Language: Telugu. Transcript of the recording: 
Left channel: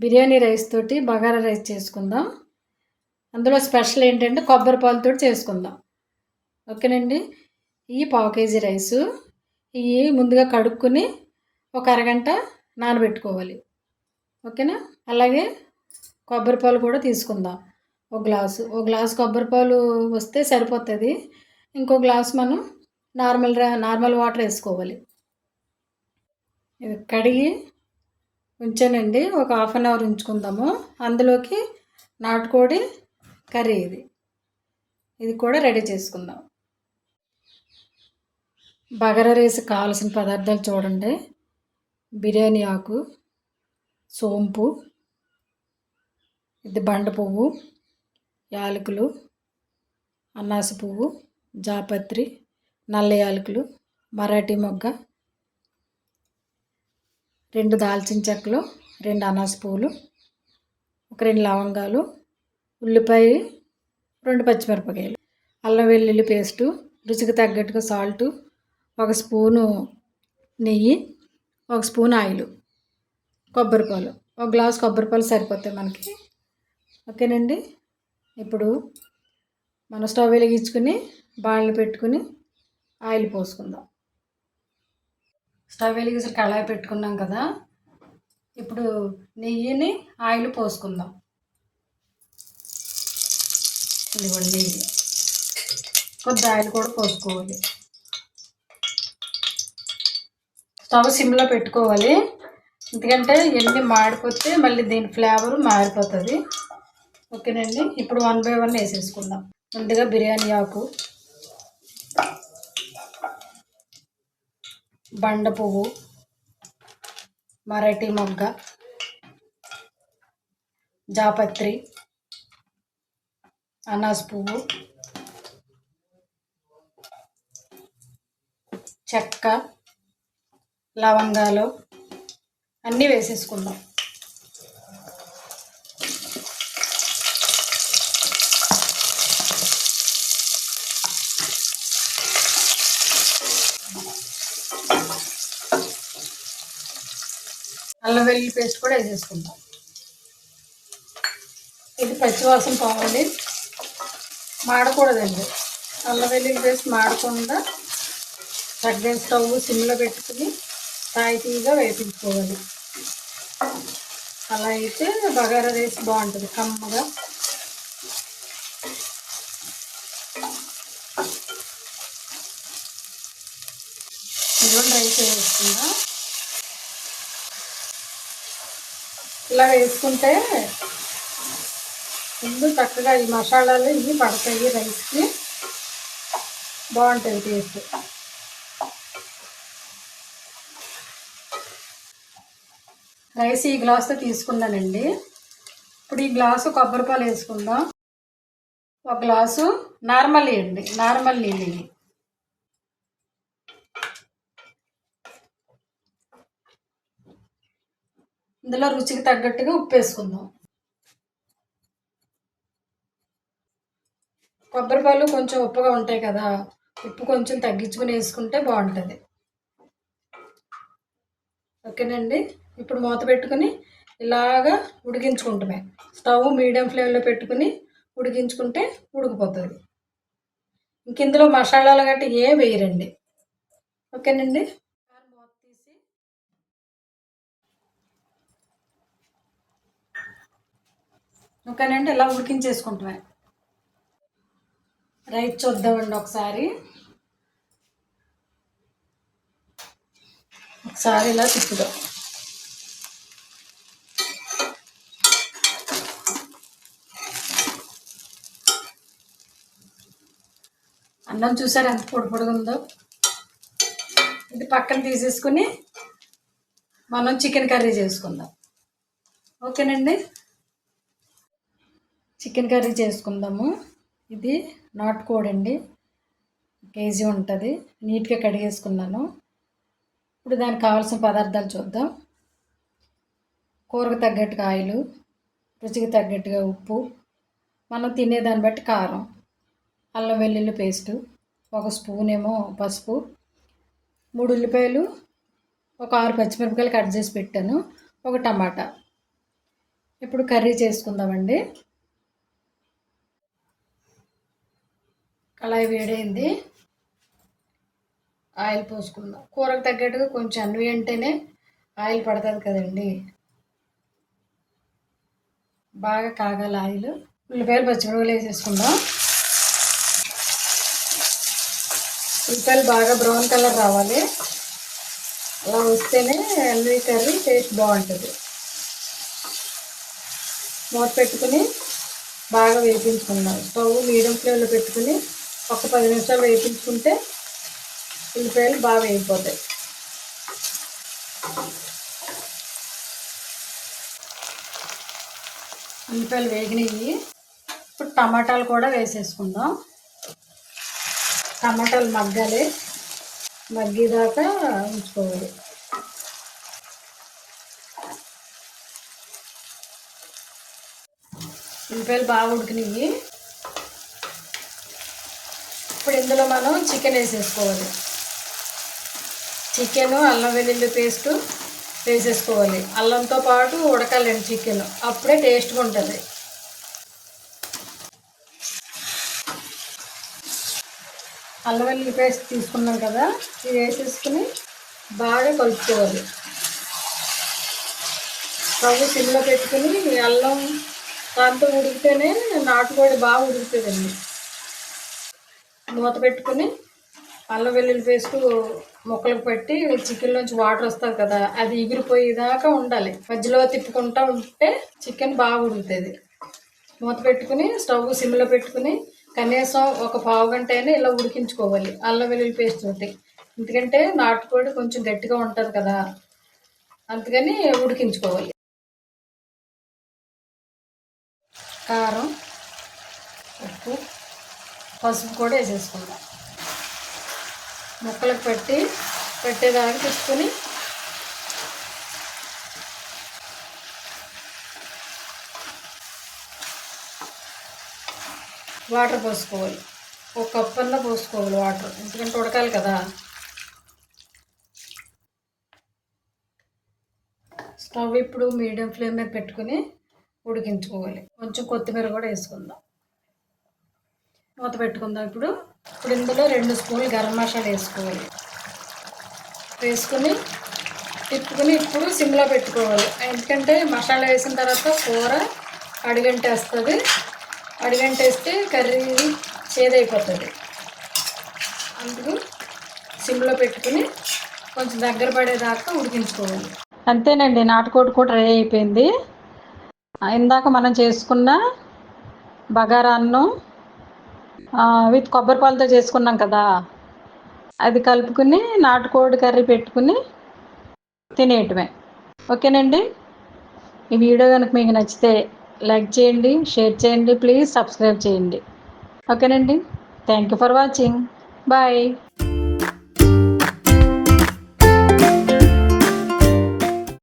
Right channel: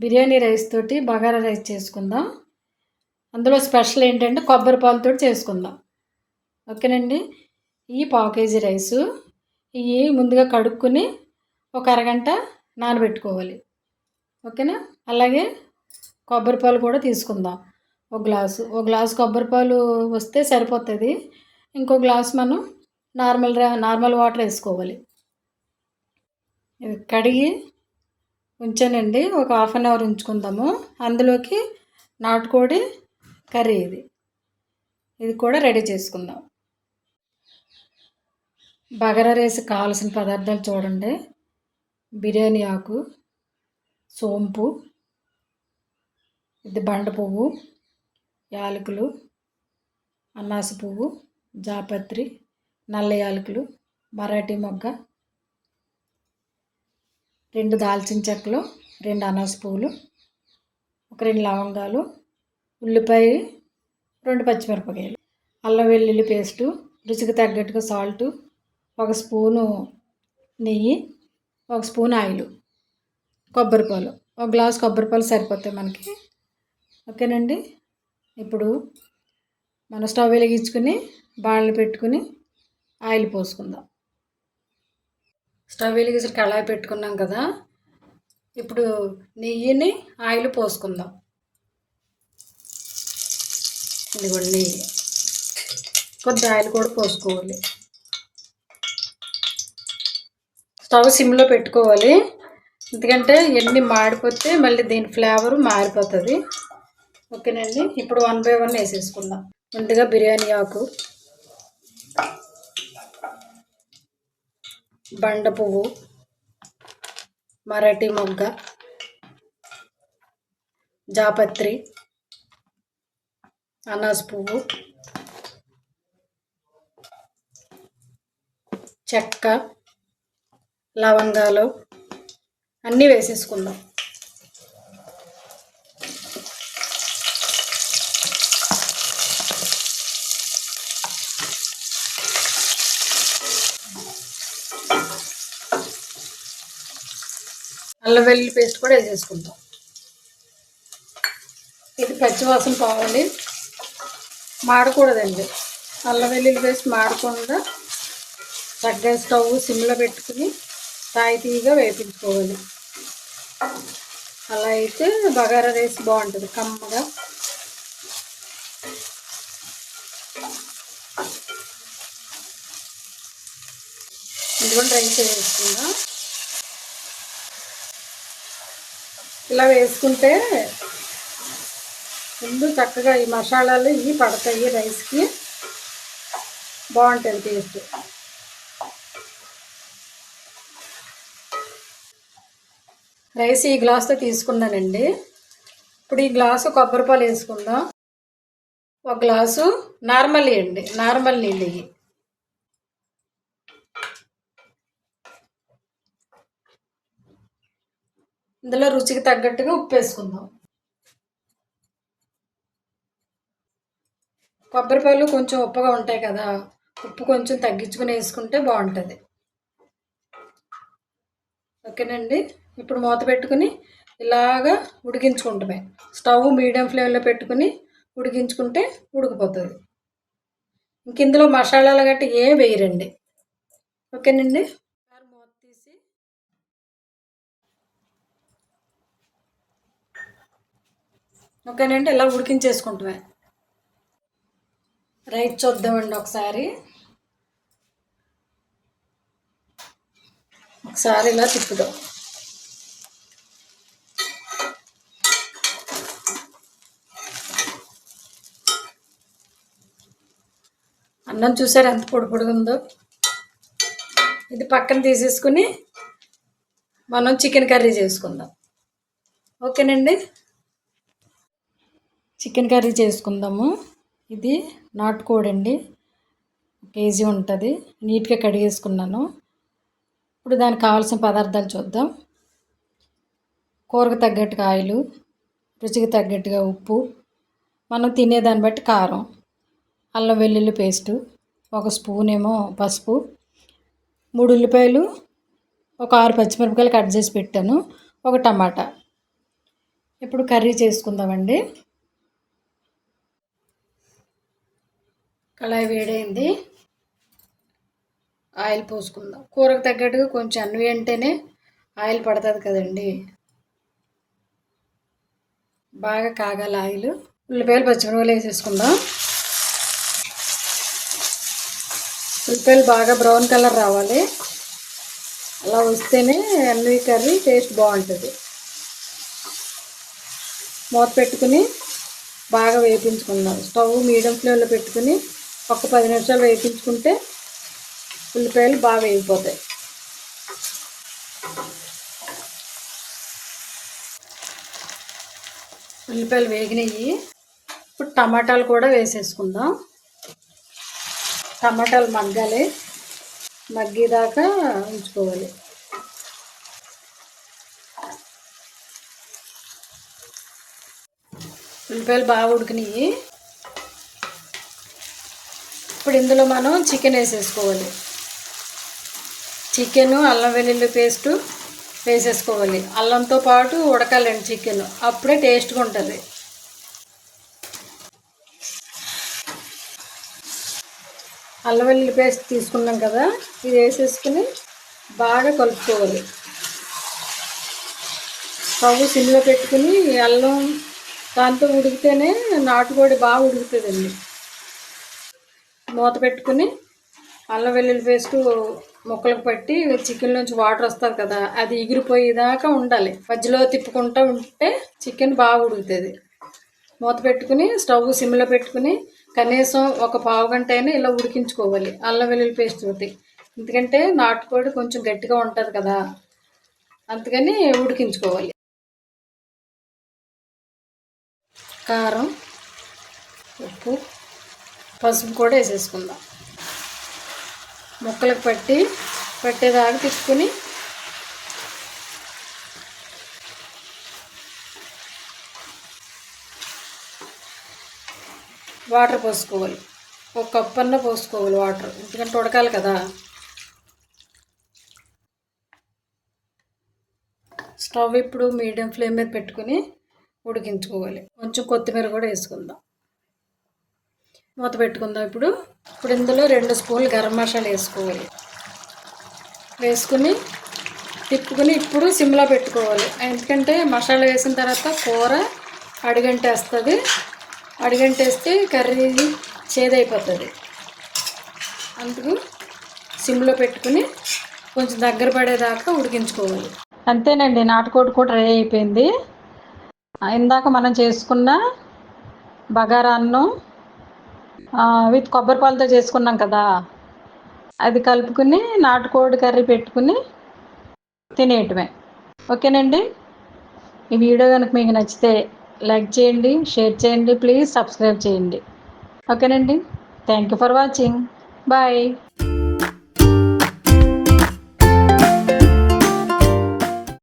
బిర్యానీ రైస్ తోటి బగారా రైస్ చేసుకుందాం. అందులో స్పెషల్ ఏంటంటే కొబ్బరి పాలతో చేసుకుందాం. ఓకేనండి. ఈ పావు కేజీ రైసు ఇవి ముందుగా కడుక్కొని ఒక అరగంట నానబెట్టుకోవాలి. ఓకేనా. అలాగే కొబ్బరి పాలు కూడా తీసుకుందాం. ఒక గ్లాసు కొబ్బరి పాలు వస్తే సరిపోతుంది. ఇంకో గ్లాస్ మనం నార్మల్ వాటర్ వేసుకోవాలి. ఇది కడిగి ఉంచానండి. ఒక హాఫ్ అన్ అవర్ ఉంచుకుందాము. అందులోకి నాటుకోడి కర్రీ ఇది కూడా రెడీ చేసుకుందాం. బగారా రైస్ కావాల్సిన పదార్థాలు చూడండి. బిర్యానీ ఆకు, సోంపు, ఇది బండ పువ్వు, యాలకులు, అనాస పువ్వు, జాపత్రి, నల్ల యాలకులు, మరాఠీ మొగ్గ, 2 దాల్చిన చెక్కలు, 2 అనాస పువ్వులు, ఒక 2 లవంగాలు, ఉల్లిపాయ, 2 పచ్చిమిరపకాయలు, అల్లం వెల్లుల్లి పేస్టు, రుచికి తగ్గట్టుగా సాల్టు, 1 స్పూను నెయ్యి, 1 స్పూన్ ఆయిల్, కొబ్బరిపాలు, 1 గ్లాస్ కొబ్బరిపాలు సరిపోతాయి మనకి. ఓకేనండి. ఇప్పుడు మనం స్టవ్ వెలిగించుకుని బాణలు పెట్టుకుని ఆయిల్ పోసుకుందాం. స్టవ్ వెలిగించి కళాయి పెట్టుకున్నాం కదా. ఇప్పుడు నెయ్యిని ఆయిల్ పోసుకుందాం. ఇదిగోండి నెయ్యి, కొద్ది ఆయిల్ కూడా పోసుకోవాలి. స్టవ్ సిమ్లో పెట్టుకోవాలి. ఎందుకంటే ఎన్ని మాడిపోతే మళ్ళీ దీని ఫ్లేవర్ మారిపోతుంది. ఓకేనండి. ఇప్పుడు 1 బై 1 వేసేసుకుందాం. ముందుగా బిర్యానీ ఆకు, బండ పువ్వు, మరాఠీ మొగ్గ, జాపత్రి, అనాస పువ్వు, చెక్క, లవంగాలు అన్నీ వేసేసుకుందాం. అల్లం వెల్లుల్లి పేస్ట్ కూడా వేసేసుకుందాం. ఇది పచ్చివాసన పోవాలి, మాడకూడదండి. అల్లం వెల్లుల్లి పేస్ట్ మాడకుండా చక్కగా స్టవ్ సిమ్లో పెట్టుకుని తాయితీగా వేపించుకోవాలి. అలా అయితే బగారా రైస్ బాగుంటుంది కమ్మగా. ఇందులో రైస్ వేసుకుందాం. ఇలా వేసుకుంటే ముందు చక్కగా ఈ మసాలాలు ఇవి పడతాయి రైస్కి, బాగుంటుంది టేస్ట్. రైస్ ఈ గ్లాస్తో తీసుకున్నానండి. ఇప్పుడు ఈ గ్లాసు కొబ్బరిపాలు వేసుకుందాం. 1 గ్లాసు నార్మల్ నీళ్ళు ఇవి. ఇందులో రుచికి తగ్గట్టుగా ఉప్పు వేసుకుందాం. కొబ్బరిపాలు కొంచెం ఉప్పుగా ఉంటాయి కదా, ఉప్పు కొంచెం తగ్గించుకుని వేసుకుంటే బాగుంటుంది. ఓకేనండి. ఇప్పుడు మూత పెట్టుకుని ఇలాగా ఉడికించుకుంటామే. స్టవ్ మీడియం ఫ్లేమ్లో పెట్టుకుని ఉడికించుకుంటే ఉడికిపోతుంది. ఇంక ఇందులో మసాలాలు గట్టి ఏం వేయరండి. ఓకేనండి. మూత తీసి ఓకేనండి ఇలా ఉడికించేసుకుంటామే. రైస్ చూద్దామండి ఒకసారి ఇలా తిప్పుదాం. అన్నం చూసారు ఎంత పొడి పొడిగా ఉందో. ఇది పక్కన తీసేసుకుని మనం చికెన్ కర్రీ చేసుకుందాం. ఓకేనండి. చికెన్ కర్రీ చేసుకుందాము. ఇది నాటుకోడి అండి, 1 కేజీ ఉంటుంది. నీట్గా కడిగేసుకున్నాను. ఇప్పుడు దానికి కావాల్సిన పదార్థాలు చూద్దాం. కూరకు తగ్గట్టుగా ఆయిలు, రుచికి తగ్గట్టుగా ఉప్పు, మనం తినేదాన్ని బట్టి కారం, అల్లం వెల్లుల్లి పేస్టు, 1 స్పూన్ ఏమో పసుపు, 3 ఉల్లిపాయలు, ఒక 6 పచ్చిమిరపకాయలు కట్ చేసి పెట్టాను, 1 టమాటా. ఇప్పుడు కర్రీ చేసుకుందామండి. కళాయి వేడైంది, ఆయిల్ పోసుకుందాం. కూరకు తగ్గట్టుగా కొంచెం అన్వి అంటేనే ఆయిల్ పడుతుంది కదండి. బాగా కాగాలి ఆయిల్. ఉల్లిపాయలు పచ్చిమిరపకాయలు వేసేసుకుందాం. ఉల్లిపాయలు బాగా బ్రౌన్ కలర్ రావాలి. అలా వస్తేనే అన్వి కర్రీ టేస్ట్ బాగుంటుంది. మూత పెట్టుకుని బాగా వేయించుకుందాం. స్టవ్ మీడియం ఫ్లేమ్లో పెట్టుకుని ఒక 10 నిమిషాలు వేయించుకుంటే ఉల్లిపాయలు బాగా వేగిపోతాయి. ఉల్లిపాయలు వేగినాయి. ఇప్పుడు టమాటాలు కూడా వేసేసుకుందాం. టమాటాలు మగ్గాలి, మగ్గేదాకా ఉంచుకోవాలి. ఉల్లిపాయలు బాగా ఉడికినాయి. ఇప్పుడు ఇందులో మనం చికెన్ వేసేసుకోవాలి. చికెను, అల్లం వెల్లుల్లి పేస్టు వేసేసుకోవాలి. అల్లంతో పాటు ఉడకాలండి చికెన్, అప్పుడే టేస్ట్గా ఉంటుంది. అల్లం వెల్లుల్లి పేస్ట్ తీసుకున్నాం కదా, ఇది వేసేసుకుని బాగా కలుపుకోవాలి. స్టవ్ సిమ్లో పెట్టుకుని అల్లం దాంతో ఉడికితేనే నాటుకోడి బాగా ఉడుకుతుందండి. మూత పెట్టుకుని అల్లం వెల్లుల్లి పేస్ట్ ముక్కలకు పట్టి చికెన్ నుంచి వాటర్ వస్తుంది కదా, అది ఎగిరిపోయేదాకా ఉండాలి. మధ్యలో తిప్పుకుంటూ ఉంటే చికెన్ బాగా ఉడుకుతుంది. మూత పెట్టుకుని స్టవ్ సిమ్లో పెట్టుకుని కనీసం ఒక పావు గంట అయినా ఇలా ఉడికించుకోవాలి అల్లం వెల్లుల్లి పేస్ట్ తోటి. ఎందుకంటే నాటుకోడి కొంచెం గట్టిగా ఉంటుంది కదా, అందుకని ఉడికించుకోవాలి. కారం, ఉప్పు, పసుపు కూడా వేసేసుకుందాం. ముక్కలకు పట్టేదాకా తిప్పుకొని వాటర్ పోసుకోవాలి. ఒక కప్పన్న పోసుకోవాలి వాటర్, ఎందుకంటే ఉడకాలి కదా. స్టవ్ ఇప్పుడు మీడియం ఫ్లేమ్ మీద పెట్టుకుని ఉడికించుకోవాలి. కొంచెం కొత్తిమీర కూడా వేసుకుందాం. మూత పెట్టుకుందాం. ఇప్పుడు ఇందులో 2 స్పూన్లు గరం మసాలా వేసుకోవాలి. వేసుకుని తిప్పుకుని ఇప్పుడు సిమ్లో పెట్టుకోవాలి. ఎందుకంటే మసాలా వేసిన తర్వాత కూర అడుగంటేస్తుంది. అడుగంటేస్తే కర్రీ చేదైపోతుంది. అందుకు సిమ్లో పెట్టుకుని కొంచెం దగ్గర పడేదాకా ఉడికించుకోవాలి. అంతేనండి, నాటుకోడి కూడా రెడీ అయిపోయింది. ఇందాక మనం చేసుకున్న బగారా అన్నం విత్ కొబ్బరిపాలతో చేసుకున్నాం కదా, అది కలుపుకుని నాటుకోడి కర్రీ పెట్టుకుని తినేయటమే. ఓకేనండి, ఈ వీడియో కనుక మీకు నచ్చితే లైక్ చేయండి, షేర్ చేయండి, ప్లీజ్ సబ్స్క్రైబ్ చేయండి. ఓకేనండి, thank you for watching. Bye.